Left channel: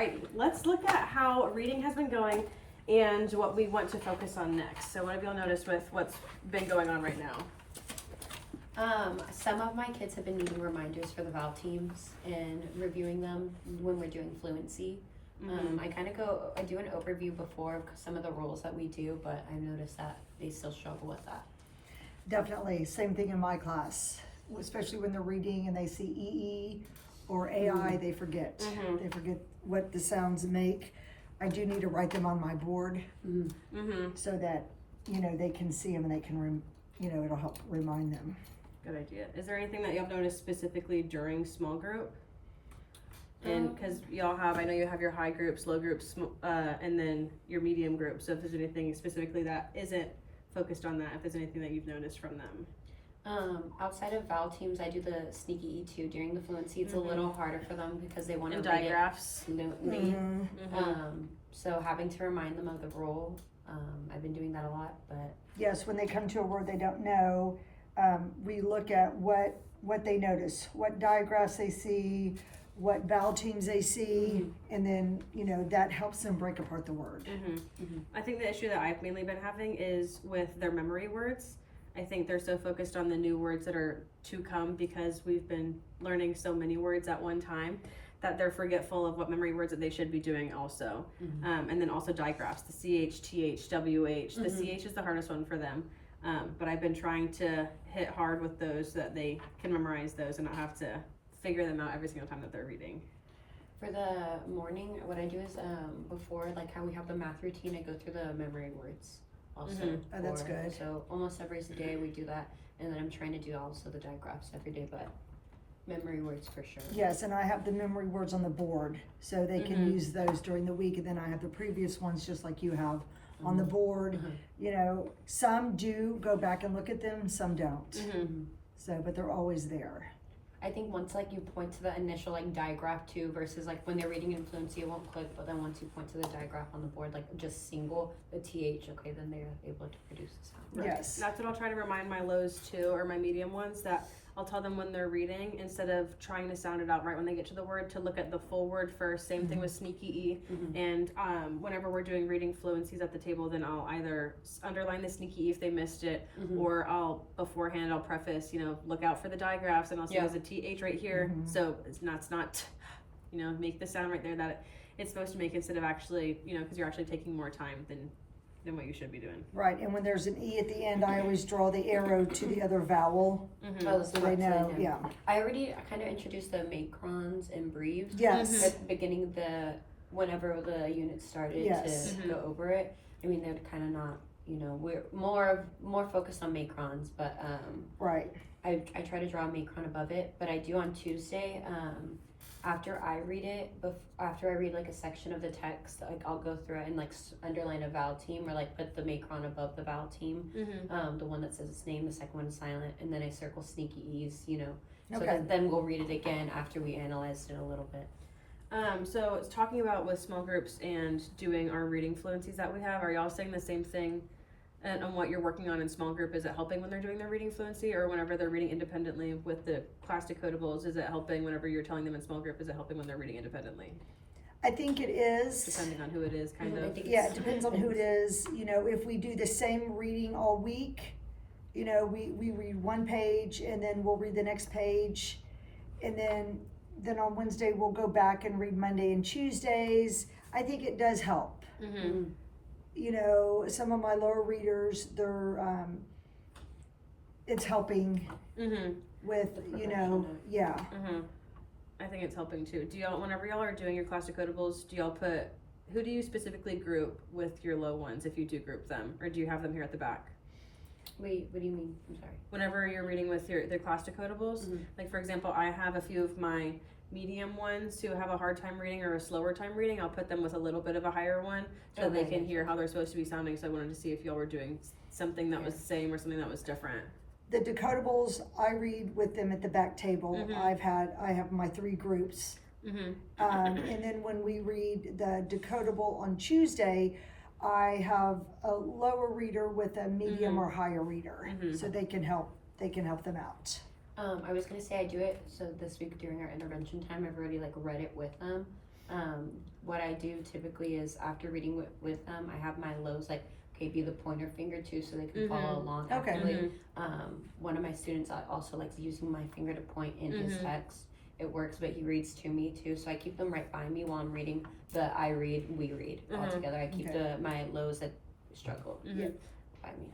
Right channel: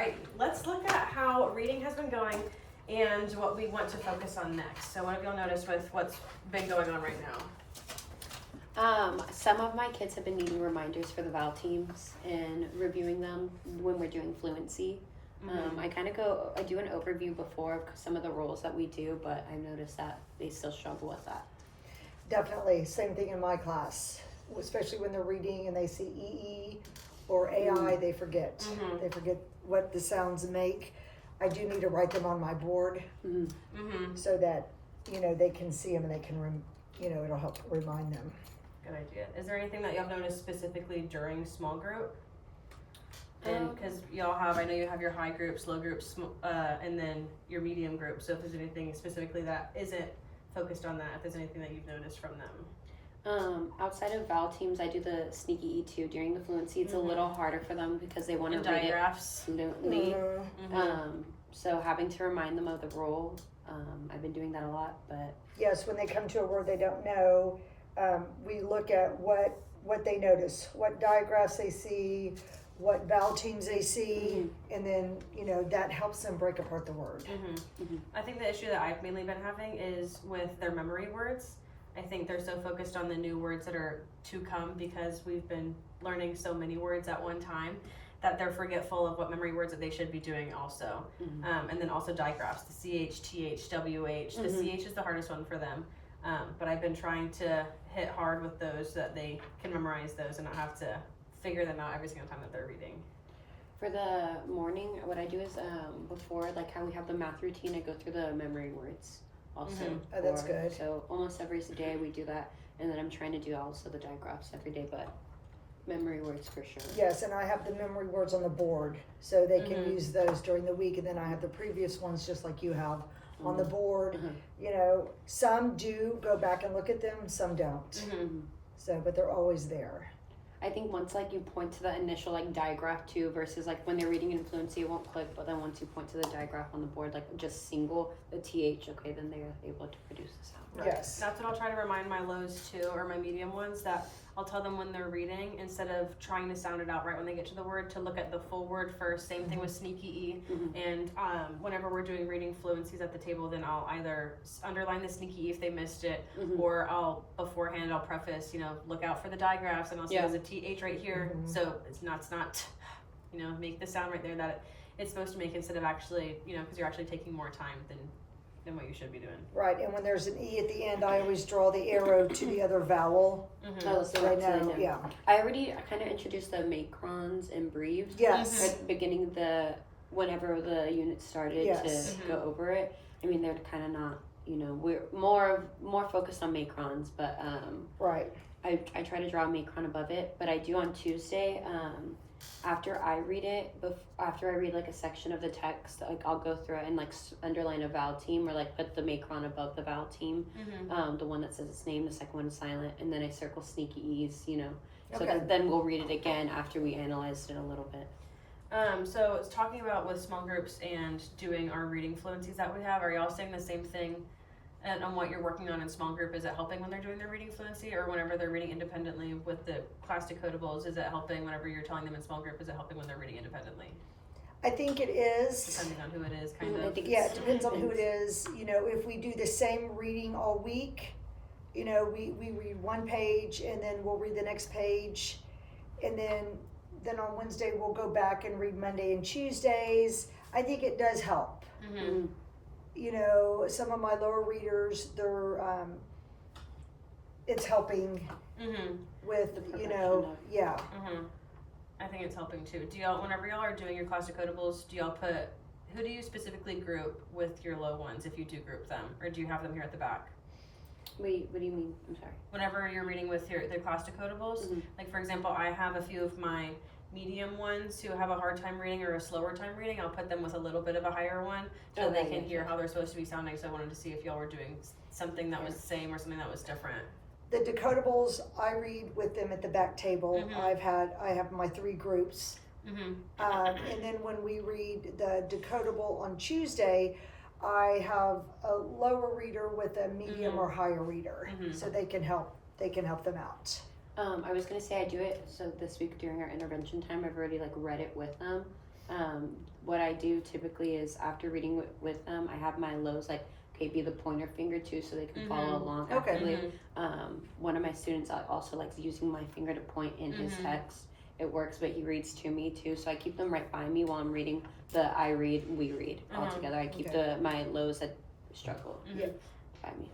right, let's look at how reading has been going and what we want to focus on next. So what have you all noticed with what's been going on right now? Some of my kids have been needing reminders for the vowel teams and reviewing them when we're doing fluency. I do an overview before of some of the rules that we do, but I noticed that they still struggle with that. Definitely, same thing in my class, especially when they're reading and they see EE or AI, they forget. They forget what the sounds make. I do need to write them on my board so that, they can see them and they can, it'll help remind them. Good idea. Is there anything that y'all noticed specifically during small group? And because y'all have, I know you have your high groups, low groups, and then your medium group. So if there's anything specifically that isn't focused on that, if there's anything that you've noticed from them. Outside of vowel teams, I do the sneaky E2 during the fluency. It's a little harder for them because they want to read digraphs. it fluently. So having to remind them of the rule, I've been doing that a lot. But yes, when they come to a word they don't know, we look at what they notice, what digraphs they see, what vowel teams they see, and then that helps them break apart the word. I think the issue that I've mainly been having is with their memory words. I think they're so focused on the new words that are to come because we've been learning so many words at one time that they're forgetful of what memory words that they should be doing also. And then also digraphs, the CH, TH, WH. The CH is the hardest one for them. But I've been trying to hit hard with those so that they can memorize those and not have to figure them out every single time that they're reading. For the morning, what I do is before, like how we have the math routine, I go through the memory words also. Oh, that's good. So almost every day we do that, and then I'm trying to do also the digraphs every day, but memory words for sure. Yes, and I have the memory words on the board, so they can use those during the week, and then I have the previous ones just like you have on the board. Some do go back and look at them, some don't. So, but they're always there. I think once like you point to the initial like digraph too versus like when they're reading in fluency it won't click, but then once you point to the digraph on the board like just single the TH, okay, then they're able to produce the sound. Right. Yes. That's what I'll try to remind my lows too, or my medium ones, that I'll tell them when they're reading, instead of trying to sound it out right when they get to the word, to look at the full word first. Same thing with sneaky E. And whenever we're doing reading fluencies at the table, then I'll either underline the sneaky E if they missed it, or I'll preface, look out for the digraphs, and I'll say there's a TH right here. So it's not, make the sound right there that it's supposed to make, instead of actually, because you're actually taking more time than what you should be doing. Right, and when there's an E at the end, I always draw the arrow to the other vowel, Oh, so they know, yeah. I already kind of introduced the macrons and breves. Yes. At the beginning whenever the unit started to go over it. I mean, they're kind of not, we're more focused on macrons, but Right. I try to draw a macron above it, but I do on Tuesday, after I read it, after I read like a section of the text, like I'll go through it and like underline a vowel team, or like put the macron above the vowel team, the one that says its name, the second one is silent, and then I circle sneaky E's, so then we'll read it again after we analyzed it a little bit. So it's talking about with small groups and doing our reading fluencies that we have, are y'all saying the same thing? And on what you're working on in small group, is it helping when they're doing their reading fluency, or whenever they're reading independently with the class decodables, is it helping whenever you're telling them in small group, is it helping when they're reading independently? I think it is. Depending on who it is, kind of. Yeah, it depends on who it is. If we do the same reading all week, we read one page and then we'll read the next page, and then on Wednesday we'll go back and read Monday and Tuesdays. I think it does help. Some of my lower readers, they're it's helping with yeah. I think it's helping too. Do y'all, whenever y'all are doing your class decodables, do y'all who do you specifically group with your low ones, if you do group them, or do you have them here at the back? Wait, what do you mean? I'm sorry. Whenever you're reading with the class decodables, like for example, I have a few of my medium ones who have a hard time reading or a slower time reading. I'll put them with a little bit of a higher one so they can hear how they're supposed to be sounding. So I wanted to see if y'all were doing something that was the same or something that was different. The decodables, I read with them at the back table. I have my 3 groups. And then when we read the decodable on Tuesday, I have a lower reader with a medium or higher reader, so they can help them out. I was gonna say I do it, so this week during our intervention time, I've already like read it with them, What I do typically is after reading with them, I have my lows like, okay, be the pointer finger too, so they can follow along Okay. actively. One of my students also likes using my finger to point in his text. It works, but he reads to me too, so I keep them right by me while I'm reading the I read, we read all together. I keep my lows that struggle by me.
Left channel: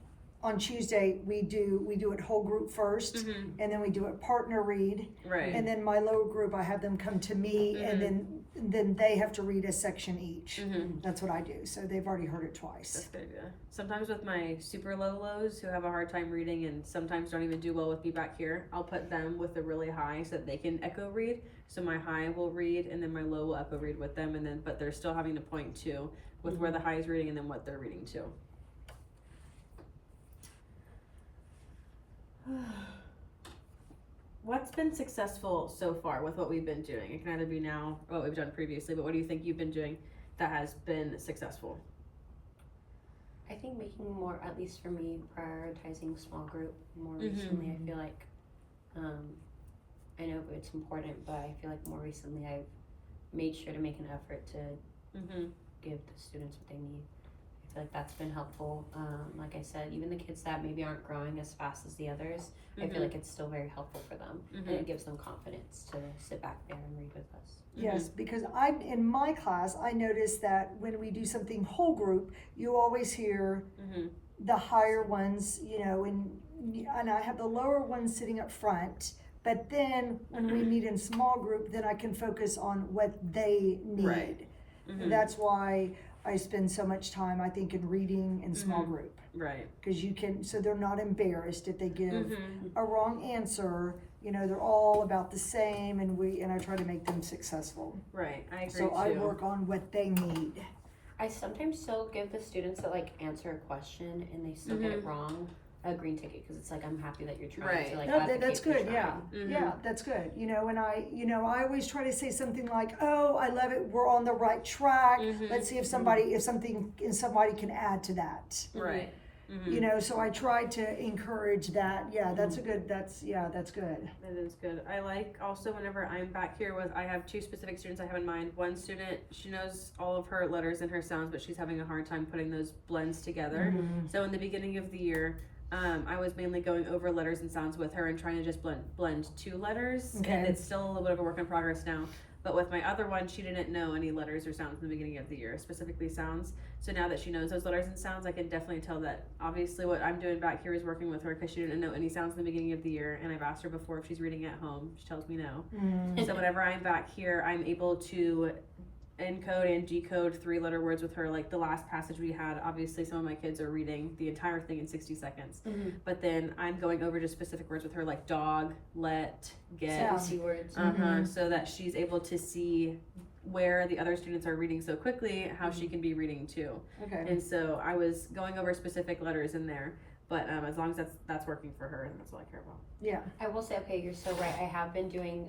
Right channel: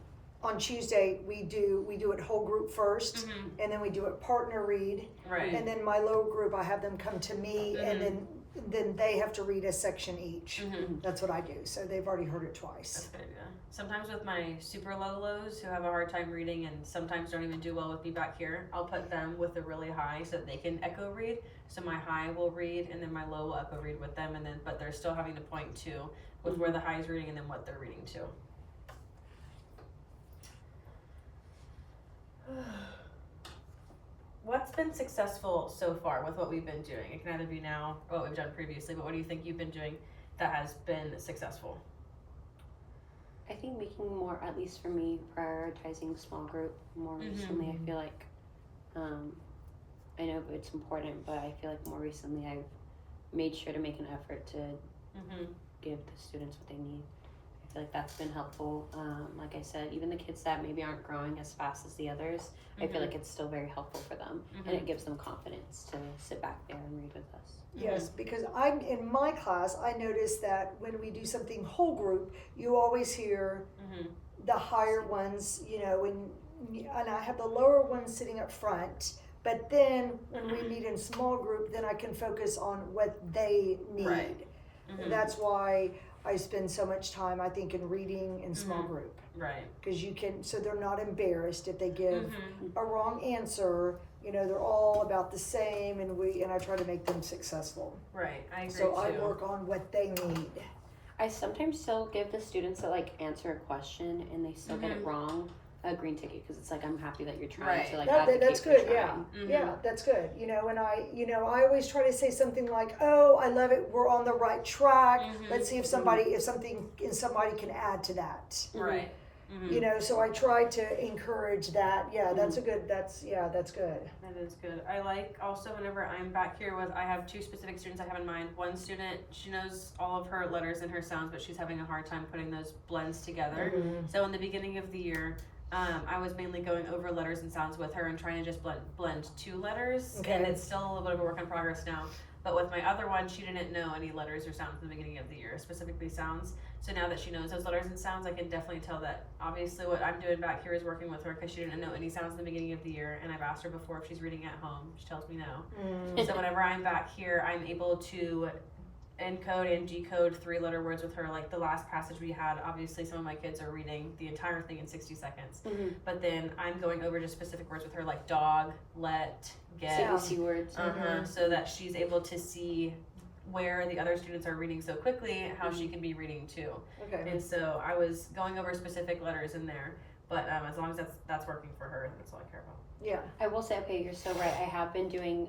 On Tuesday, we do it whole group first, and then we do it partner read, Right. and then my low group, I have them come to me, and then they have to read a section each. That's what I do. So they've already heard it twice. That's a good idea. Sometimes with my super lows who have a hard time reading and sometimes don't even do well with me back here, I'll put them with the really high so that they can echo read. So my high will read and then my low will echo read with them, and then but they're still having to point to with where the high is reading and then what they're reading to. What's been successful so far with what we've been doing? It can either be now or what we've done previously, but what do you think you've been doing that has been successful? I think making more, at least for me, prioritizing small group more recently. I feel like, I know it's important, but I feel like more recently I've made sure to make an effort to give the students what they need. I feel like that's been helpful. Like I said, even the kids that maybe aren't growing as fast as the others, I feel like it's still very helpful for them, and it gives them confidence to sit back there and read with us. Yes, because I'm in my class, I notice that when we do something whole group, you always hear the higher ones, you know, and I have the lower ones sitting up front. But then when we meet in small group, then I can focus on what they need. Right. And that's why I spend so much time, I think, in reading in small group. Right. Because you can, so they're not embarrassed if they give a wrong answer. You know, they're all about the same, and I try to make them successful. Right. I agree So too. I work on what they need. I sometimes still give the students that like answer a question and they still get it wrong a green ticket, because it's like, I'm happy that you're trying to like That's advocate for good. trying. Yeah, that's good. You know, and I always try to say something like, "Oh, I love it. We're on the right track. Let's see if somebody can add to that." Right. You know, so I try to encourage that. Yeah, that's good. That is good. I like also whenever I'm back here I have two specific students I have in mind. One student, she knows all of her letters and her sounds, but she's having a hard time putting those blends together. So in the beginning of the year, I was mainly going over letters and sounds with her and trying to just blend two letters. Okay. And it's still a little bit of a work in progress now. But with my other one, she didn't know any letters or sounds in the beginning of the year, specifically sounds. So now that she knows those letters and sounds, I can definitely tell that obviously what I'm doing back here is working with her, because she didn't know any sounds in the beginning of the year. And I've asked her before if she's reading at home. She tells me no. So whenever I'm back here, I'm able to encode and decode 3-letter words with her. Like the last passage we had, obviously some of my kids are reading the entire thing in 60 seconds. But then I'm going over just specific words with her, like dog, let, get. CBC words. So that she's able to see where the other students are reading so quickly, how she can be reading too. Okay. And so I was going over specific letters in there, but as long as that's working for her, that's all I care about. Yeah. I will say, okay, you're so right. I have been doing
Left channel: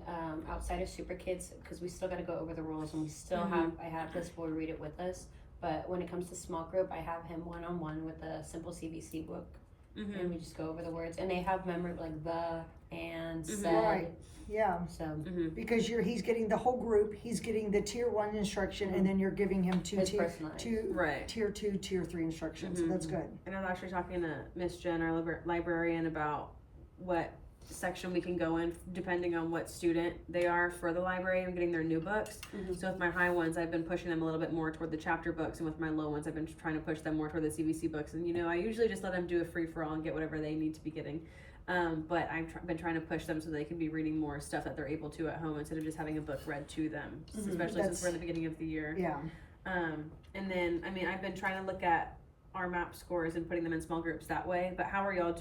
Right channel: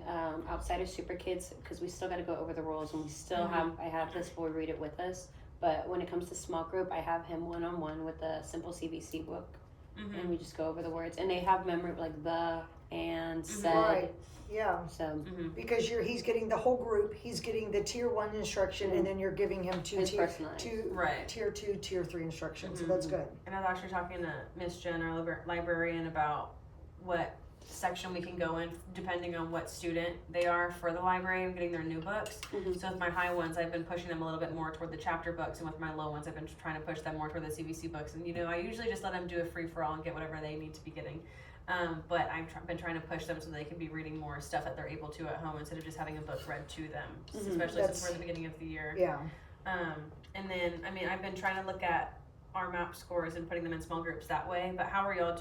outside of Super Kids, because we still got to go over the rules, and we still I have this boy read it with us. But when it comes to small group, I have him one-on-one with the simple CVC book, and we just go over the words. And they have memory like the and said. Right. Yeah. So Because he's getting the whole group, he's getting the tier 1 instruction, and then you're giving him tier 2, tier 3 instructions. So that's good. And I was actually talking to Miss Jen, our librarian, about what section we can go in depending on what student they are for the library and getting their new books. So with my high ones, I've been pushing them a little bit more toward the chapter books, and with my low ones, I've been trying to push them more toward the CVC books. And you know, I usually just let them do a free-for-all and get whatever they need to be getting. But I've been trying to push them so they can be reading more stuff that they're able to at home instead of just having a book read to them, especially since we're in the beginning of the year. Yeah. And then, I mean, I've been trying to look at our MAP scores and putting them in small groups that way, but how are y'all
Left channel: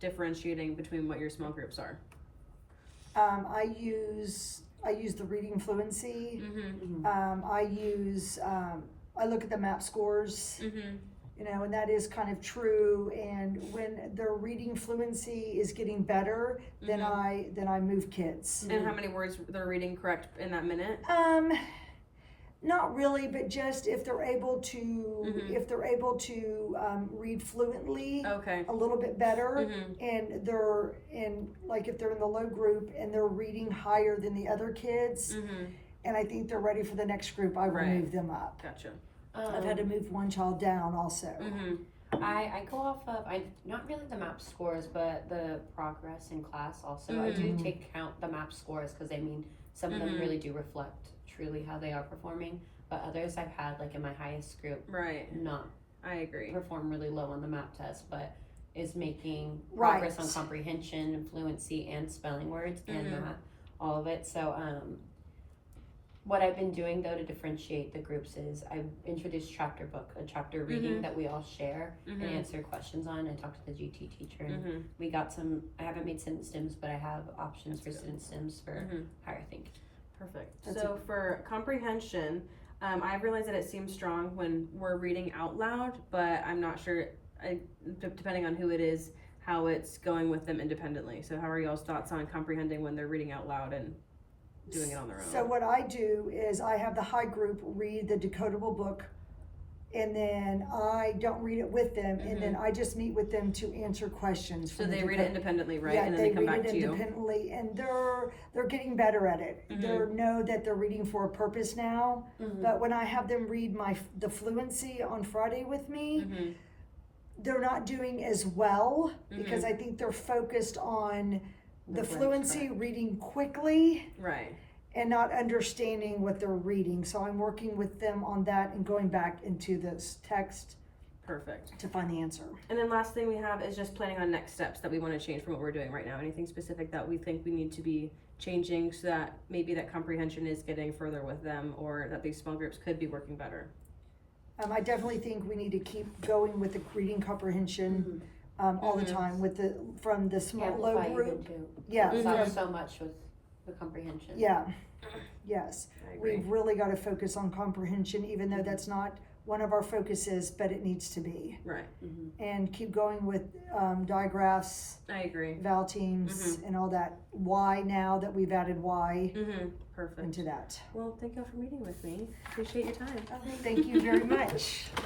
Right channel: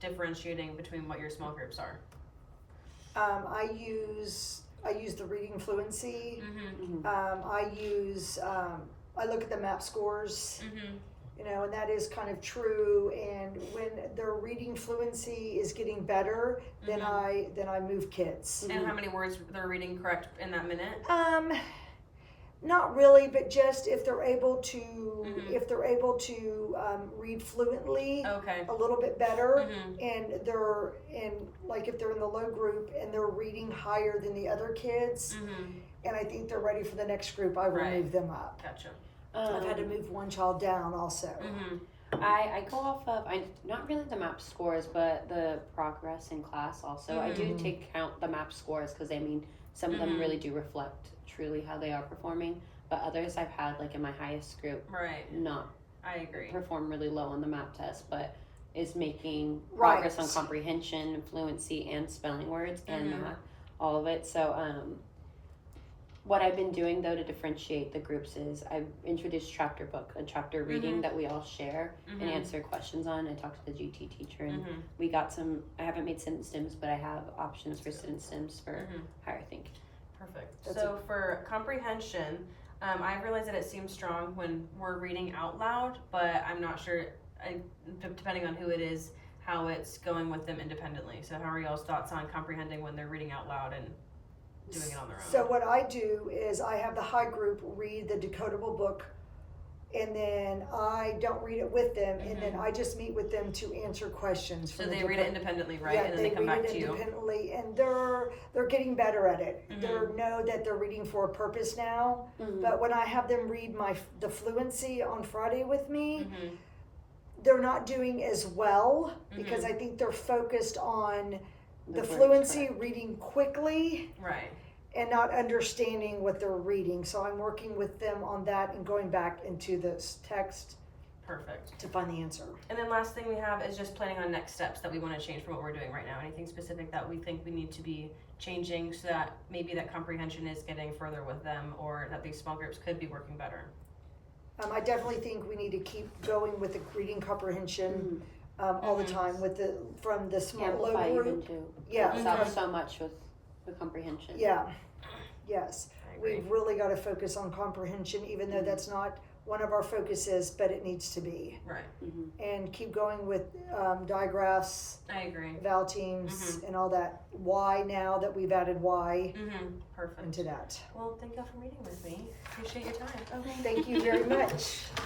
differentiating between what your small groups are? I use the reading fluency. I look at the MAP scores. You know, and that is kind of true. And when their reading fluency is getting better, then I move kids. And how many words they're reading correct in that minute? Not really, but just if they're able to read fluently a little bit better, and like if they're in the low group and they're reading higher than the other kids, and I think they're ready for the next group, I will Right. move them up. Gotcha. I've had to move one child down also. I go off of not really the MAP scores, but the progress in class also. I do take count the MAP scores because I mean some of them really do reflect truly how they are performing, but others I've had like in my highest group not I agree. perform really low on the MAP test, but is making progress on comprehension and fluency and spelling words and math, all of it. So what I've been doing though to differentiate the groups is I've introduced a chapter reading that we all share and answer questions on. I talked to the GT teacher and we got I haven't made sentence stems, but I have options for sentence stems for higher thinking. Perfect. So for comprehension, I realize that it seems strong when we're reading out loud, but I'm not sure, depending on who it is, how it's going with them independently. So how are y'all's thoughts on comprehending when they're reading out loud and doing it on their own? So what I do is I have the high group read the decodable book, and then I don't read it with them, and then I just meet with them to answer questions. So they read it independently, right? Yeah, and then they come back to you. Independently, and they're getting better at it. They know that they're reading for a purpose now. But when I have them read the fluency on Friday with me, they're not doing as well because I think they're focused on the fluency, reading quickly, right, and not understanding what they're reading. So I'm working with them on that and going back into this text. Perfect. To find the answer. And then last thing we have is just planning on next steps that we want to change from what we're doing right now. Anything specific that we think we need to be changing so that maybe that comprehension is getting further with them, or that these small groups could be working better? I definitely think we need to keep going with the reading comprehension all the time from the small low group. Yeah, so much with the comprehension. Yeah, yes. I agree. We've really got to focus on comprehension, even though that's not one of our focuses, but it needs to be. Right. And keep going with digraphs, I agree. vowel teams, and all that. Why now that we've added why Perfect. into that. Well, thank y'all for meeting with me. Appreciate your time. Thank you very much.